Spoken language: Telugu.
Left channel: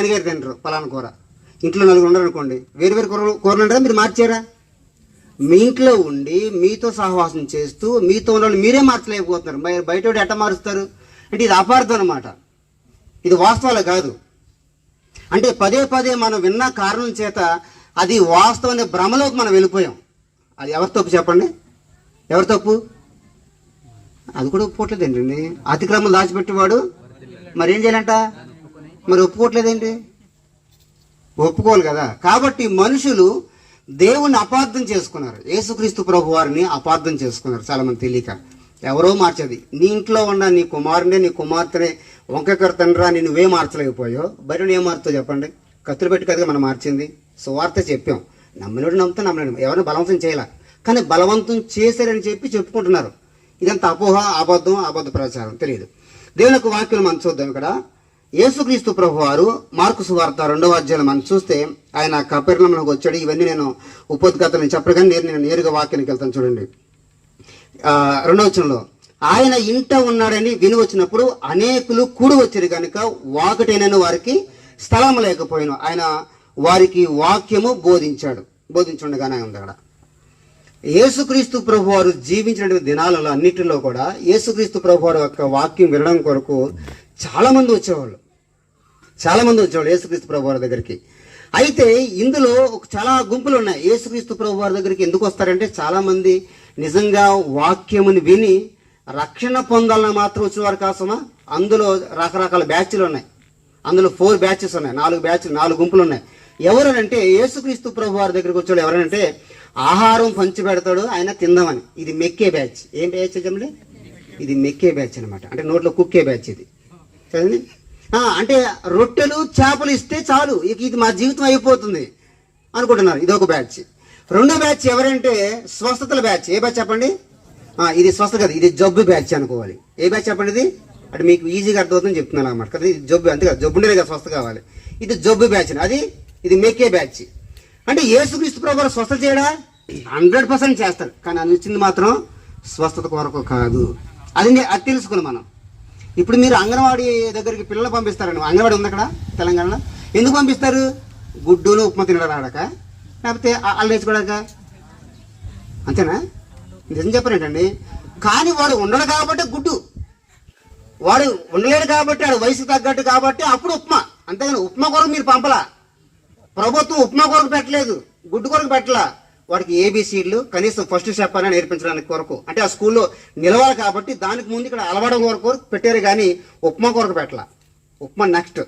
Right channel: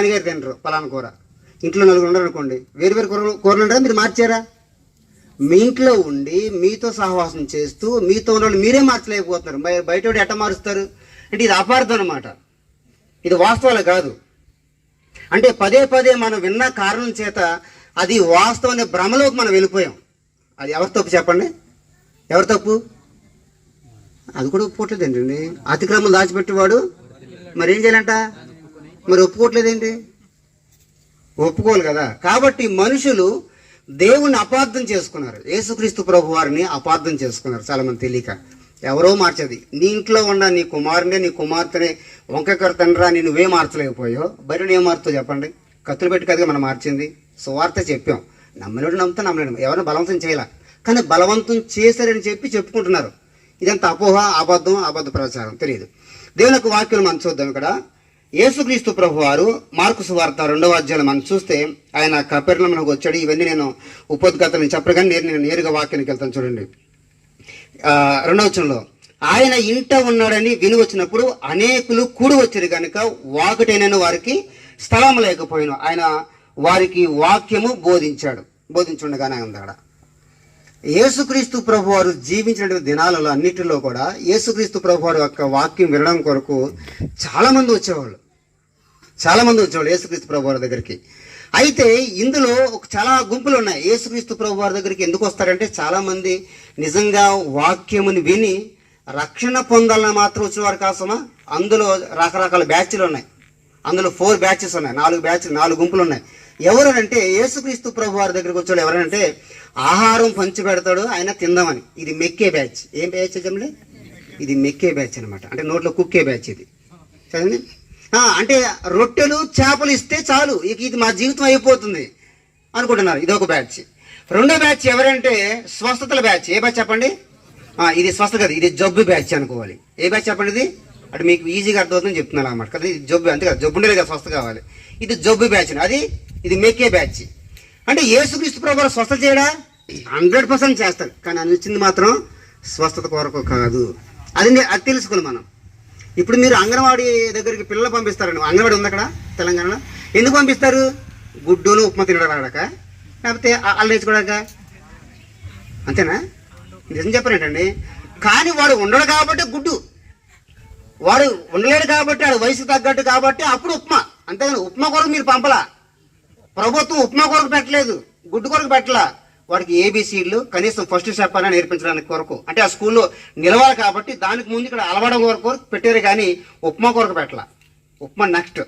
నాన్నగారు తినరు పలానా కూర. ఇంట్లో నలుగురు ఉండరు అనుకోండి వేరు వేరు కూర కూరలు ఉంటారా మీరు మార్చారా? మీ ఇంట్లో ఉండి మీతో సహవాసం చేస్తూ మీతో ఉన్న వాళ్ళు మీరే మార్చలేకపోతున్నారు. మరి బయట ఎట్ట మారుస్తారు? అంటే ఇది అపార్థం అనమాట ఇది వాస్తవాలు కాదు. అంటే పదే పదే మనం విన్న కారణం చేత అది వాస్తవం అనే భ్రమలోకి మనం వెళ్ళిపోయాం. అది ఎవరి తప్పు చెప్పండి? ఎవరి తప్పు? అది కూడా ఒప్పుకోవట్లేదండి అతిక్రమం దాచిపెట్టేవాడు. మరి ఏం చేయాలంట? మరి ఒప్పుకోవట్లేదేంటి? ఒప్పుకోవాలి కదా. కాబట్టి మనుషులు దేవుణ్ణి అపార్థం చేసుకున్నారు. యేసుక్రీస్తు ప్రభు వారిని అపార్థం చేసుకున్నారు. చాలా మంది తెలియక. ఎవరో మార్చేది. నీ ఇంట్లో ఉన్న నీ కుమారుని నీ కుమార్తెని వంకకర తండ్రా నువ్వే మార్చలేకపోయావు. బయట ఏం మారుతావు చెప్పండి? కత్తులు పెట్టి కదా మనం మార్చింది. సువార్త చెప్పాం. నమ్మినోడు నమ్ముతా నమ్మలేడు. ఎవరిని బలవంతం చేయాల. కానీ బలవంతం చేశారని చెప్పి చెప్పుకుంటున్నారు. ఇదంతా అపోహ అబద్ధం అబద్ధ ప్రచారం. తెలియదు దేవుని యొక్క వాక్యం మనం చూద్దాం ఇక్కడ. యేసుక్రీస్తు ప్రభు వారు మార్కు సువార్త రెండవ అధ్యాయం మనం చూస్తే ఆయన కపెర్ణంలోకి వచ్చాడు. ఇవన్నీ నేను ఉపోద్ఘాతం చెప్పగానే నేను నేను నేరుగా వాక్యానికి వెళ్తాను చూడండి. రెండవ వచనంలో ఆయన ఇంట ఉన్నాడని విని వచ్చినప్పుడు అనేకులు కూడి వచ్చారు కనుక వాకటైన వారికి స్థలం లేకపోయిన. ఆయన వారికి వాక్యము బోధించాడు. బోధించుండగానే ఉంది అక్కడ. యేసుక్రీస్తు ప్రభు వారు జీవించినటువంటి దినాలలో అన్నిటిలో కూడా యేసుక్రీస్తు ప్రభు వారి యొక్క వాక్యం వినడం కొరకు చాలామంది వచ్చేవాళ్ళు. చాలా మంది వచ్చేవాళ్ళు యేసుక్రీస్తు ప్రభు వారి దగ్గరికి. అయితే ఇందులో ఒక చాలా గుంపులు ఉన్నాయి యేసుక్రీస్తు ప్రభు వారి దగ్గరికి ఎందుకు వస్తారంటే చాలా మంది నిజంగా వాక్యముని విని రక్షణ పొందాలని మాత్రం వచ్చేవారు కాసమా అందులో రకరకాల బ్యాచ్లు ఉన్నాయి. అందులో ఫోర్ బ్యాచెస్ ఉన్నాయి. నాలుగు బ్యాచ్ నాలుగు గుంపులు ఉన్నాయి. ఎవరనంటే యేసుక్రీస్తు ప్రభు వారి దగ్గరికి వచ్చాడు ఎవరంటే ఆహారం పంచి పెడతాడు ఆయన తిందామని. ఇది మెక్కే బ్యాచ్. ఏం బ్యాచ్ చెప్పండి ఇది మెక్కే బ్యాచ్ అనమాట అంటే నోట్లో కుక్కే బ్యాచ్ ఇది. చదివి అంటే రొట్టెలు చేపలు ఇస్తే చాలు. ఇక ఇది మా జీవితం అయిపోతుంది అనుకుంటున్నారు. ఇది ఒక బ్యాచ్. రెండో బ్యాచ్ ఎవరంటే స్వస్థతల బ్యాచ్. ఏ బ్యాచ్ చెప్పండి? ఇది స్వస్థ కదా. ఇది జబ్బు బ్యాచ్ అనుకోవాలి. ఏ బ్యాచ్ చెప్పండి ఇది? అంటే మీకు ఈజీగా అర్థమవుతుందని చెప్తున్నాను అన్నమాట. కదా ఇది జబ్బు అంతే కదా. జబ్బు ఉండేది కదా స్వస్థ కావాలి. ఇది జబ్బు బ్యాచ్. అది ఇది మేకే బ్యాచ్. అంటే యేసుక్రీస్తు ప్రభు స్వస్థ చేయడా? హండ్రెడ్ పర్సెంట్ చేస్తారు కానీ అది వచ్చింది మాత్రం స్వస్థత కొరకు కాదు. అది అది తెలుసుకోవాలి మనం. ఇప్పుడు మీరు అంగన్వాడీ దగ్గరికి పిల్లలు పంపిస్తారండి అంగన్వాడీ ఉంది అక్కడ తెలంగాణలో? ఎందుకు పంపిస్తారు? గుడ్డును ఉప్మా తినడాక లేకపోతే అల్లు వేసుకోడాక అంతేనా? నిజం చెప్పరేంటండి కానీ వాడు ఉండడు కాబట్టి గుడ్డు. వాడు ఉండలేడు కాబట్టి వాడు వయసు తగ్గట్టు కాబట్టి అప్పుడు ఉప్మా. అంతేగాని ఉప్మా కొరకు మీరు పంపలా. ప్రభుత్వం ఉప్మా కొరకు పెట్టలేదు గుడ్డు కొరకు పెట్టలా. వాడికి ఏబిసిడ్లు కనీసం ఫస్ట్ చెప్పాలని నేర్పించడానికి కొరకు. అంటే ఆ స్కూల్లో నిలవాలి కాబట్టి దానికి ముందు ఇక్కడ అలవడం కొరకు పెట్టారు కానీ ఉప్మా కొరకు పెట్టాల. ఉప్మా నెక్స్ట్